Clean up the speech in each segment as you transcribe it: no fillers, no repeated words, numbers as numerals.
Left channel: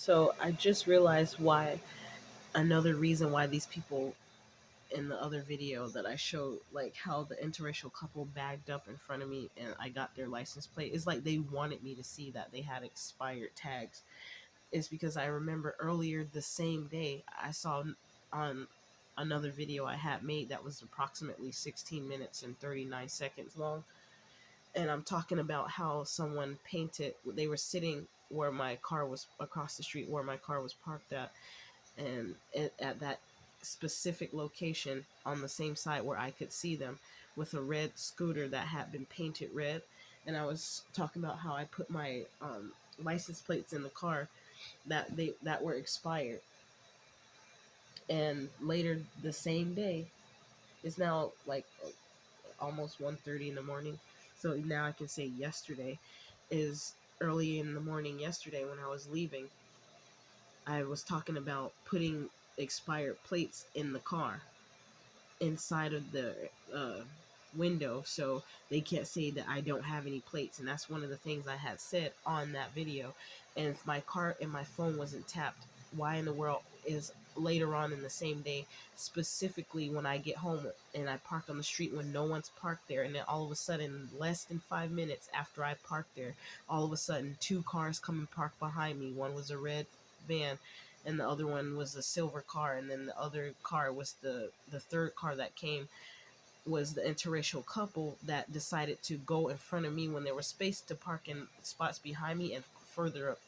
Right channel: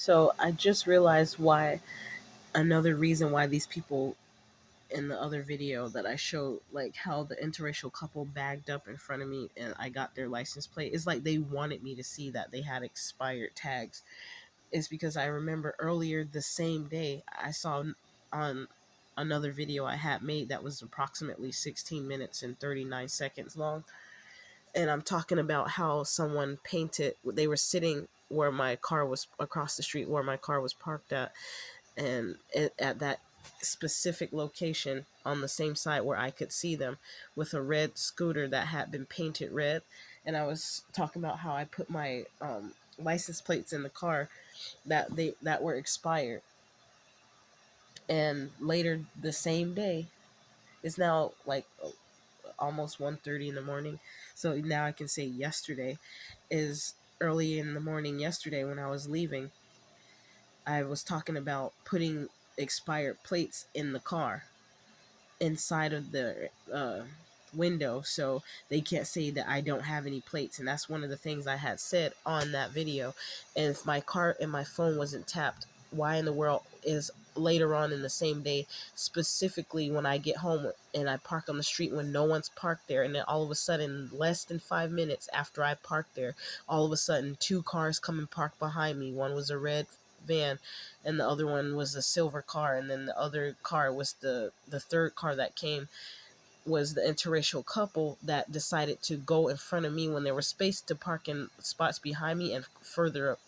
So I just realized why another reason why these people in the other video that I showed, like how the interracial couple bagged up in front of me and I got their license plate, is like they wanted me to see that they had expired tags. Is because I remember earlier the same day I saw on another video I had made that was approximately 16 minutes and 39 seconds long. And I'm talking about how someone painted, they were sitting where my car was, across the street where my car was parked at, and at that specific location on the same side where I could see them, with a red scooter that had been painted red. And I was talking about how I put my license plates in the car that were expired. And later the same day, it's now like almost 1:30 in the morning. So now I can say yesterday is early in the morning yesterday when I was leaving. I was talking about putting expired plates in the car inside of the window so they can't say that I don't have any plates. And that's one of the things I had said on that video. And if my car and my phone wasn't tapped, why in the world is later on in the same day, specifically when I get home and I park on the street when no one's parked there, and then all of a sudden, less than 5 minutes after I parked there, all of a sudden two cars come and park behind me. One was a red van and the other one was a silver car, and then the other car was the third car that came, was the interracial couple that decided to go in front of me when there was space to park in spots behind me and further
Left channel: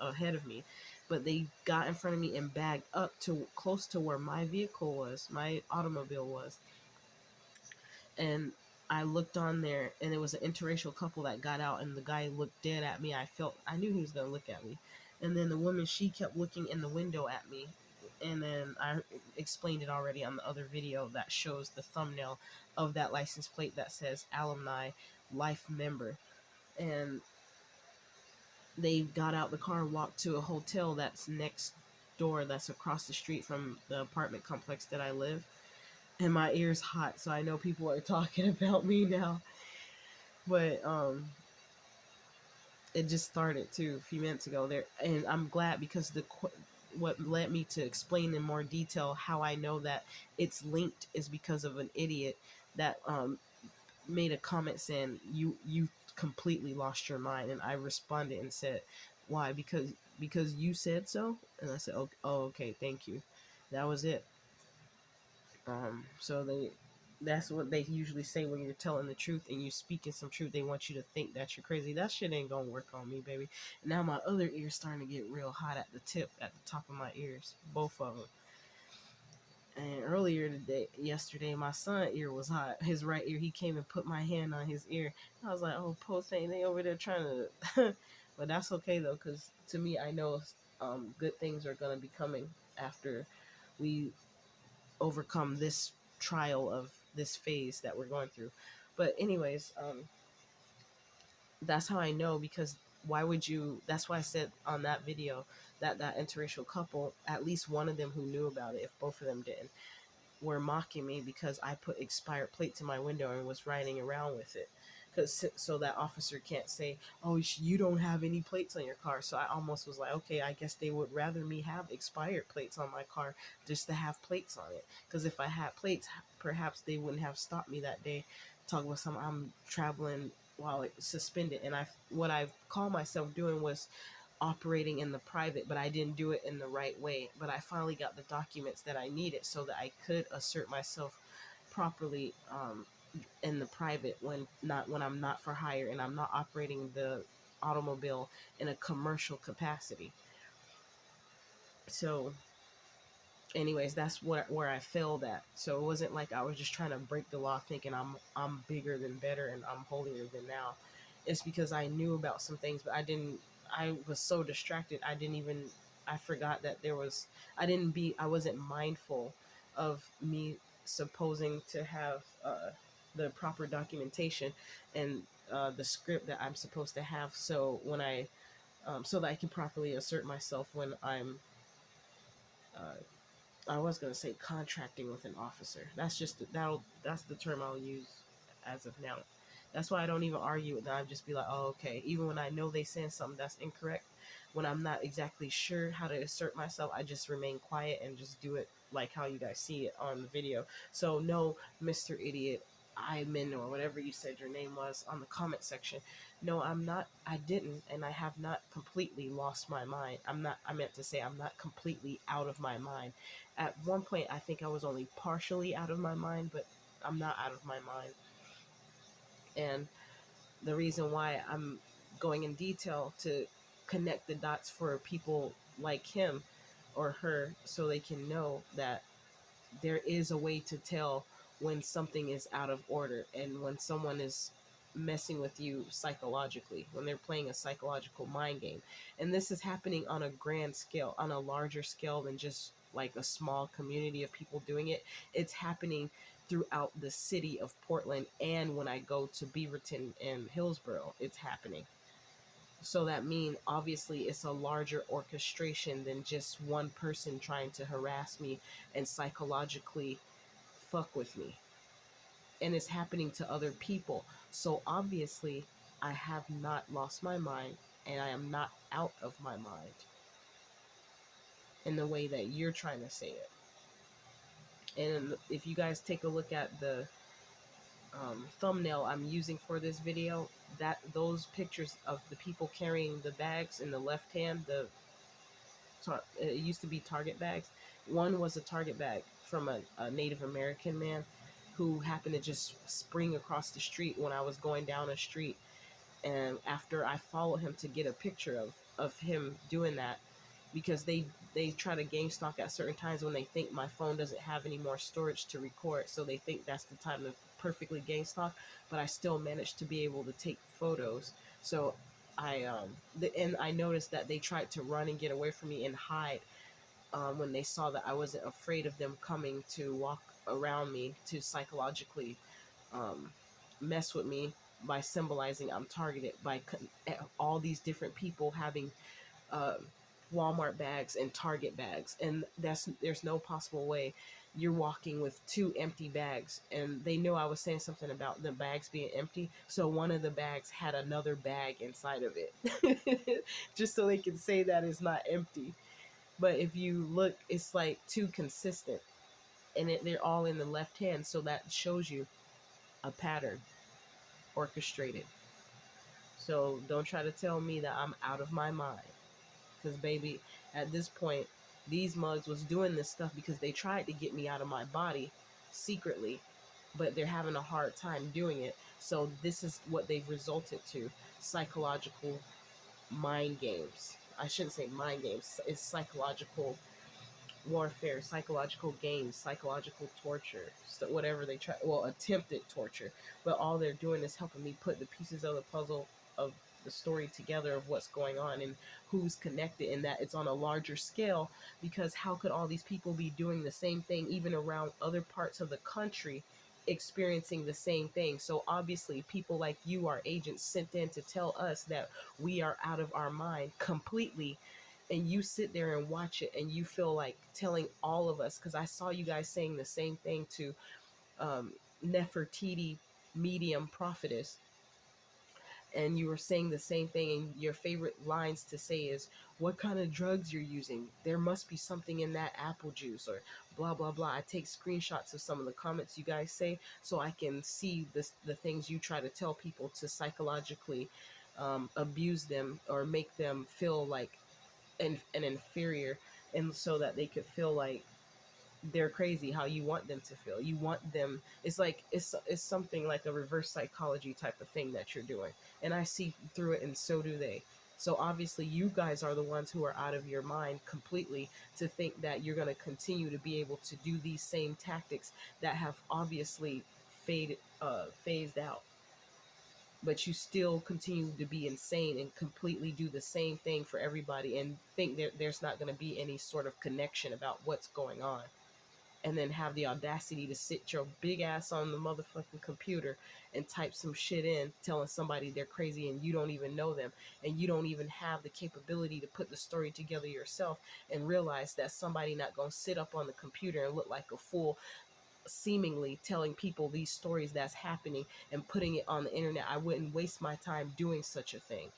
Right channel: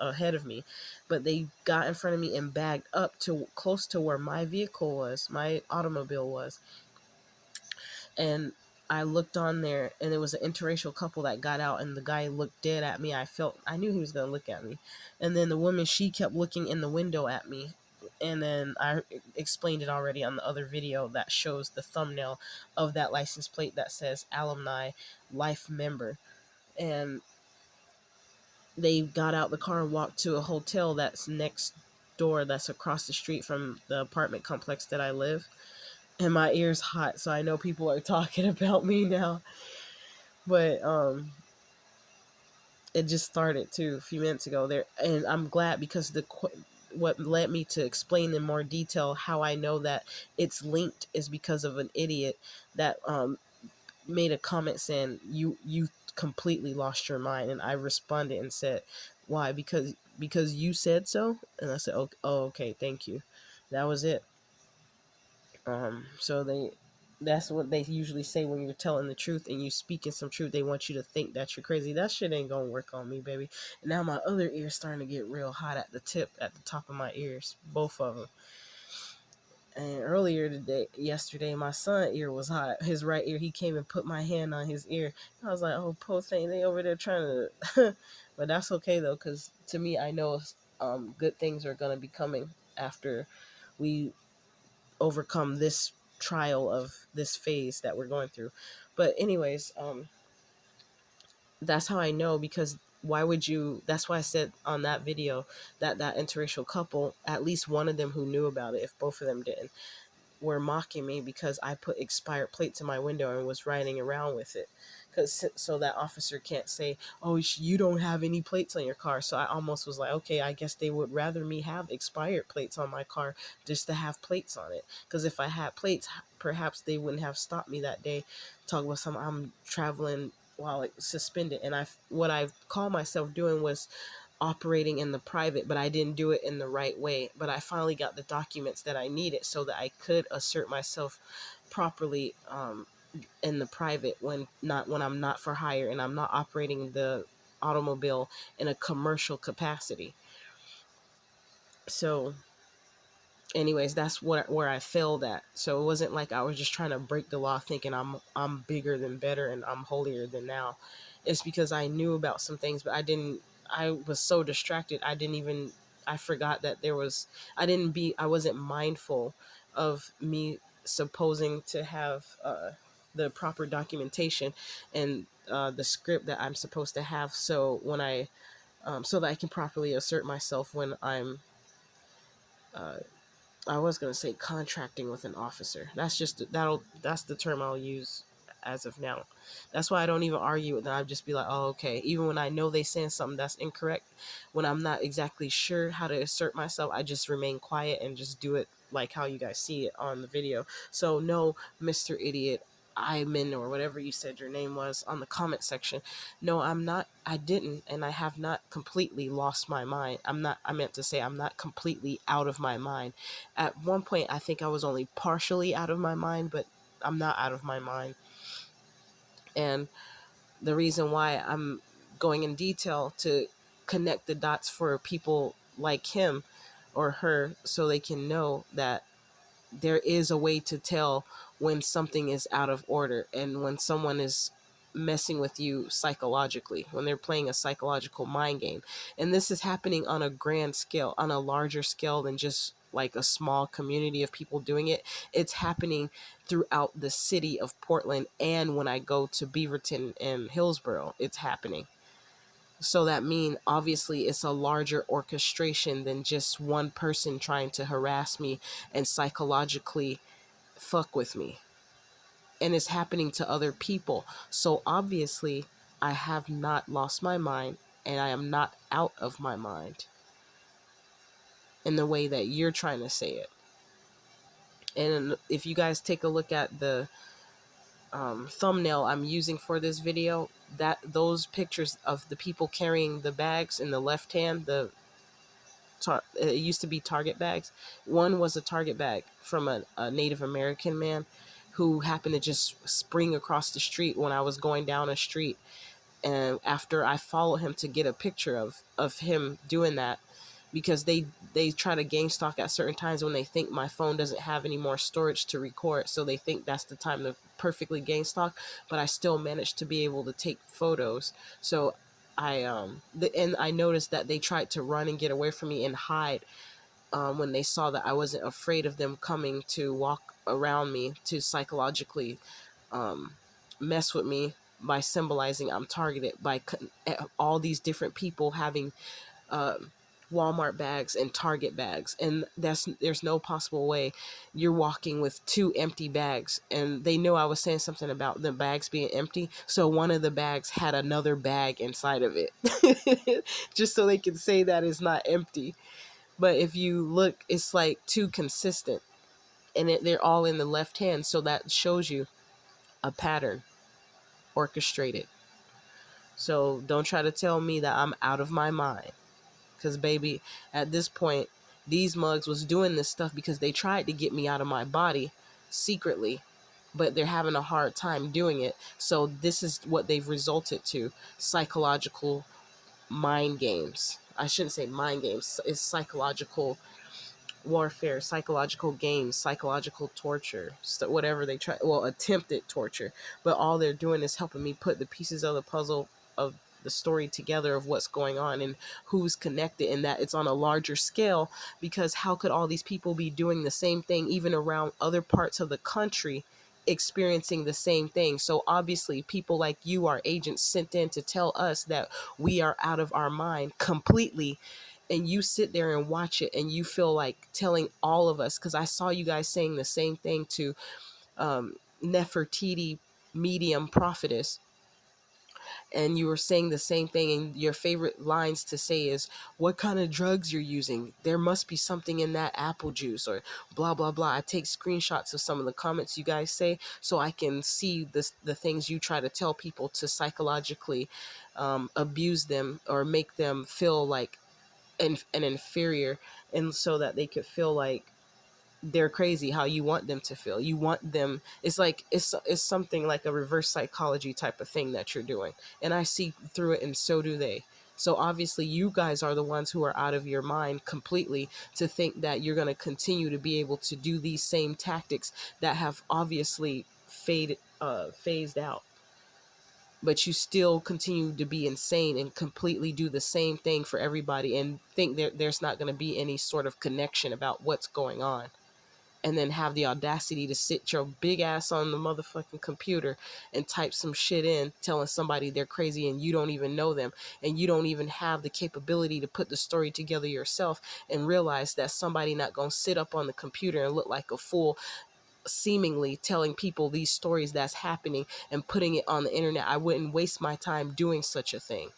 ahead of me. But they got in front of me and bagged up to close to where my vehicle was, my automobile was. And I looked on there and it was an interracial couple that got out, and the guy looked dead at me. I knew he was going to look at me. And then the woman, she kept looking in the window at me. And then I explained it already on the other video that shows the thumbnail of that license plate that says alumni life member. And they got out the car and walked to a hotel that's next door, that's across the street from the apartment complex that I live. And my ear's hot, so I know people are talking about me now. But it just started too a few minutes ago there, and I'm glad because what led me to explain in more detail how I know that it's linked is because of an idiot that made a comment saying you completely lost your mind. And I responded and said, why? Because you said so. And I said, oh, okay, thank you. That was it. So that's what they usually say when you're telling the truth and you speaking some truth. They want you to think that you're crazy. That shit ain't gonna work on me, baby. And now my other ear's starting to get real hot at the tip, at the top of my ears, both of them. And earlier yesterday, my son ear was hot. His right ear, he came and put my hand on his ear. I was like, oh, poor thing, they over there trying to. But that's okay though, because to me, I know good things are gonna be coming after we overcome this trial of this phase that we're going through. But anyways, that's how I know, because why would you, that's why I said on that video that that interracial couple, at least one of them who knew about it, if both of them didn't, were mocking me because I put expired plates in my window and was riding around with it. Because so that officer can't say, oh, you don't have any plates on your car. So I almost was like, okay, I guess they would rather me have expired plates on my car just to have plates on it. Because if I had plates, perhaps they wouldn't have stopped me that day. Talk about some, I'm traveling while it's suspended. And what I called myself doing was operating in the private, but I didn't do it in the right way. But I finally got the documents that I needed so that I could assert myself properly in the private, when I'm not for hire and I'm not operating the automobile in a commercial capacity. So anyways, that's where I failed at. So it wasn't like I was just trying to break the law thinking I'm bigger than better and I'm holier than now. It's because I knew about some things, but I was so distracted. I forgot that I wasn't mindful of me supposing to have the proper documentation and the script that I'm supposed to have. So so that I can properly assert myself when I'm uh, I was gonna say contracting with an officer. That's the term I'll use as of now. That's why I don't even argue with them. I just be like, oh, okay. Even when I know they saying something that's incorrect, when I'm not exactly sure how to assert myself, I just remain quiet and just do it like how you guys see it on the video. So no, Mr. Idiot, Iman, or whatever you said your name was on the comment section. No, I'm not. I didn't, and I have not completely lost my mind. I'm not. I meant to say I'm not completely out of my mind. At one point, I think I was only partially out of my mind, but I'm not out of my mind. And the reason why I'm going in detail to connect the dots for people like him or her, so they can know that there is a way to tell when something is out of order and when someone is messing with you psychologically, when they're playing a psychological mind game. And this is happening on a grand scale, on a larger scale than just like a small community of people doing it. It's happening throughout the city of Portland, and when I go to Beaverton and Hillsborough, it's happening. So that mean obviously it's a larger orchestration than just one person trying to harass me and psychologically fuck with me. And it's happening to other people. So obviously I have not lost my mind, and I am not out of my mind in the way that you're trying to say it. And if you guys take a look at the thumbnail I'm using for this video, that those pictures of the people carrying the bags in the left hand, it used to be Target bags. One was a Target bag from a Native American man who happened to just spring across the street when I was going down a street. And after I followed him to get a picture of him doing that, because they try to game stalk at certain times when they think my phone doesn't have any more storage to record, so they think that's the time to perfectly game stalk. But I still managed to be able to take photos. So and I noticed that they tried to run and get away from me and hide, when they saw that I wasn't afraid of them coming to walk around me to psychologically um, mess with me by symbolizing I'm targeted by all these different people having uh, Walmart bags and Target bags, and there's no possible way you're walking with two empty bags. And they know I was saying something about the bags being empty, so one of the bags had another bag inside of it, just so they can say that it's not empty. But if you look, it's like too consistent, and they're all in the left hand, so that shows you a pattern, orchestrated. So don't try to tell me that I'm out of my mind, because baby, at this point, these mugs was doing this stuff because they tried to get me out of my body secretly, but they're having a hard time doing it. So this is what they've resulted to: psychological mind games. I shouldn't say mind games, it's psychological warfare, psychological games, psychological torture, whatever they try, well, attempted torture. But all they're doing is helping me put the pieces of the puzzle of the story together of what's going on and who's connected, and that it's on a larger scale. Because how could all these people be doing the same thing even around other parts of the country, experiencing the same thing? So obviously people like you are agents sent in to tell us that we are out of our mind completely. And you sit there and watch it and you feel like telling all of us, because I saw you guys saying the same thing to Nefertiti, medium prophetess, and you were saying the same thing, and your favorite lines to say is, what kind of drugs you're using, there must be something in that apple juice, or blah blah blah. I take screenshots of some of the comments you guys say so I can see the things you try to tell people to psychologically abuse them or make them feel like an inferior, and so that they could feel like they're crazy, how you want them to feel. You want them, it's like it's something like a reverse psychology type of thing that you're doing, and I see through it, and so do they. So obviously you guys are the ones who are out of your mind completely to think that you're going to continue to be able to do these same tactics that have obviously phased out, but you still continue to be insane and completely do the same thing for everybody and think there's not going to be any sort of connection about what's going on. And then have the audacity to sit your big ass on the motherfucking computer and type some shit in telling somebody they're crazy and you don't even know them, and you don't even have the capability to put the story together yourself and realize that somebody not going to sit up on the computer and look like a fool seemingly telling people these stories that's happening and putting it on the internet. I wouldn't waste my time doing such a thing.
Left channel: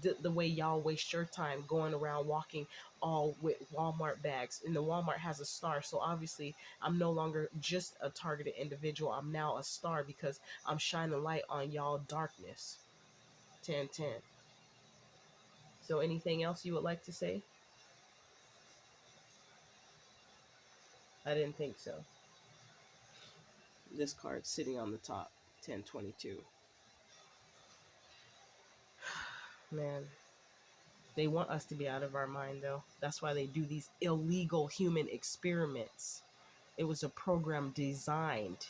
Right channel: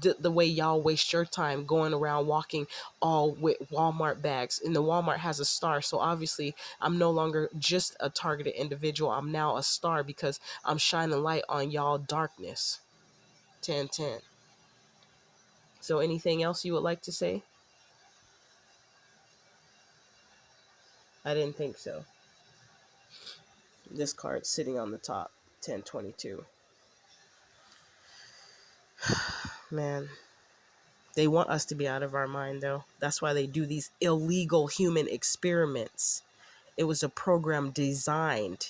The way y'all waste your time going around walking all with Walmart bags, and the Walmart has a star. So obviously I'm no longer just a targeted individual. I'm now a star because I'm shining light on y'all darkness. 10-10. So anything else you would like to say? I didn't think so. This card sitting on the top. 1022. Man, they want us to be out of our mind, though. That's why they do these illegal human experiments. It was a program designed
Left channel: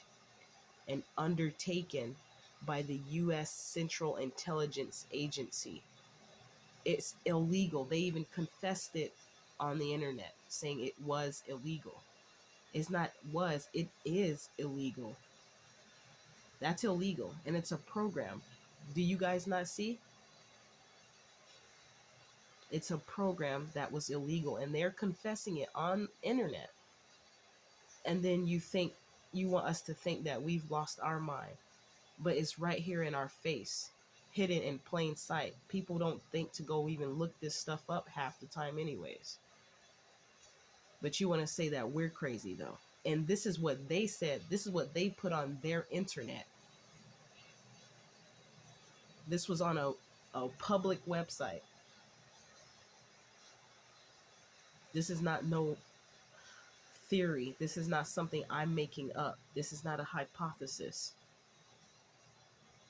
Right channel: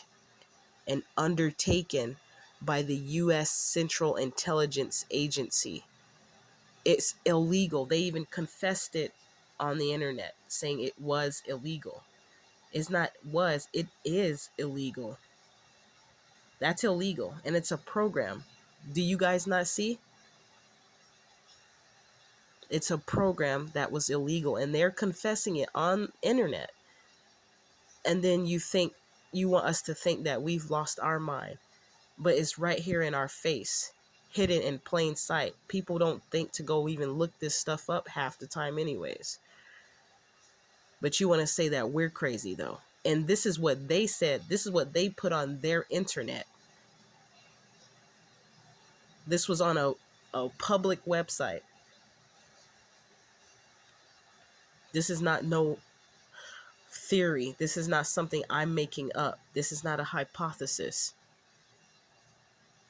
and undertaken by the U.S. Central Intelligence Agency. It's illegal. They even confessed it on the internet, saying it was illegal. It's not was, it is illegal. That's illegal. And it's a program. Do you guys not see? It's a program that was illegal, and they're confessing it on internet. And then you want us to think that we've lost our mind, but it's right here in our face, hidden in plain sight. People don't think to go even look this stuff up half the time anyways. But you want to say that we're crazy though. And this is what they said. This is what they put on their internet. This was on a public website. This is not no theory. This is not something I'm making up. This is not a hypothesis.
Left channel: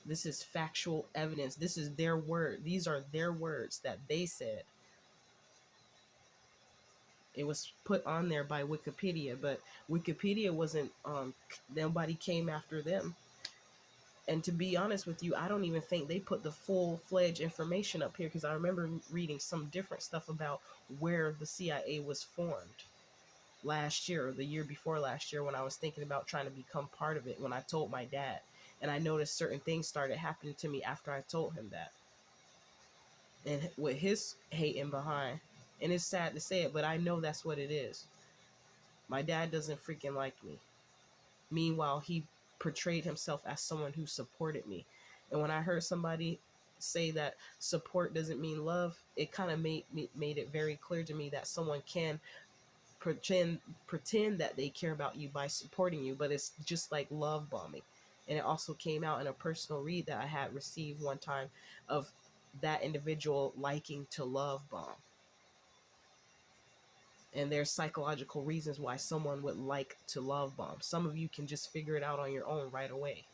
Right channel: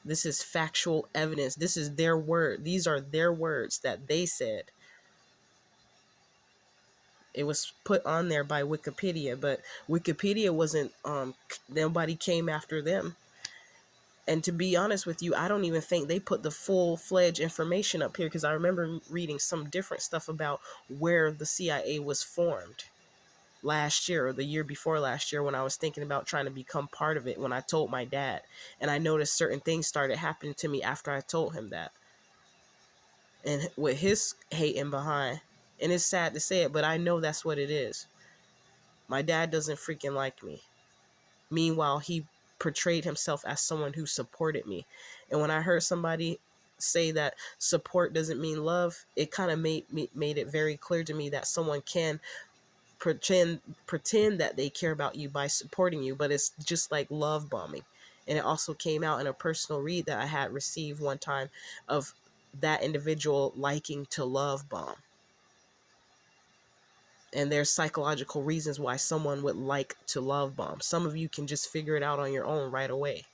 This is factual evidence. This is their word. These are their words that they said. It was put on there by Wikipedia, but Wikipedia wasn't, nobody came after them. And to be honest with you, I don't even think they put the full-fledged information up here, because I remember reading some different stuff about where the CIA was formed last year or the year before last year, when I was thinking about trying to become part of it, when I told my dad. And I noticed certain things started happening to me after I told him that. And with his hating behind, and it's sad to say it, but I know that's what it is. My dad doesn't freaking like me. Meanwhile, he portrayed himself as someone who supported me. And when I heard somebody say that support doesn't mean love, it kind of made it very clear to me that someone can pretend that they care about you by supporting you, but it's just like love bombing. And it also came out in a personal read that I had received one time of that individual liking to love bomb. And there's psychological reasons why someone would like to love bomb. Some of you can just figure it out on your own right away.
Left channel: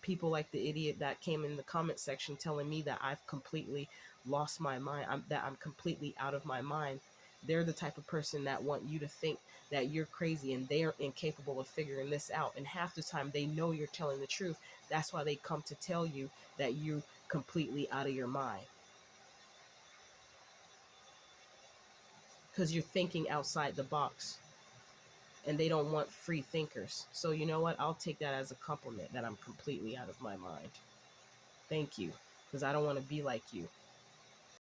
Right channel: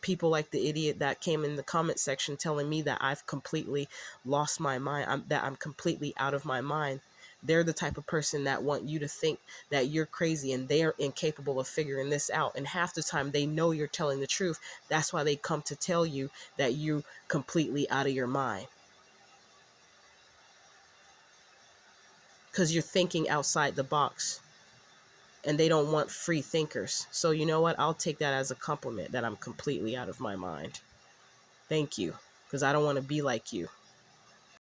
People like the idiot that came in the comment section telling me that I've completely lost my mind, that I'm completely out of my mind. They're the type of person that want you to think that you're crazy, and they're incapable of figuring this out. And half the time they know you're telling the truth. That's why they come to tell you that you're completely out of your mind. Because you're thinking outside the box. And they don't want free thinkers. So you know what? I'll take that as a compliment that I'm completely out of my mind. Thank you. Because I don't want to be like you.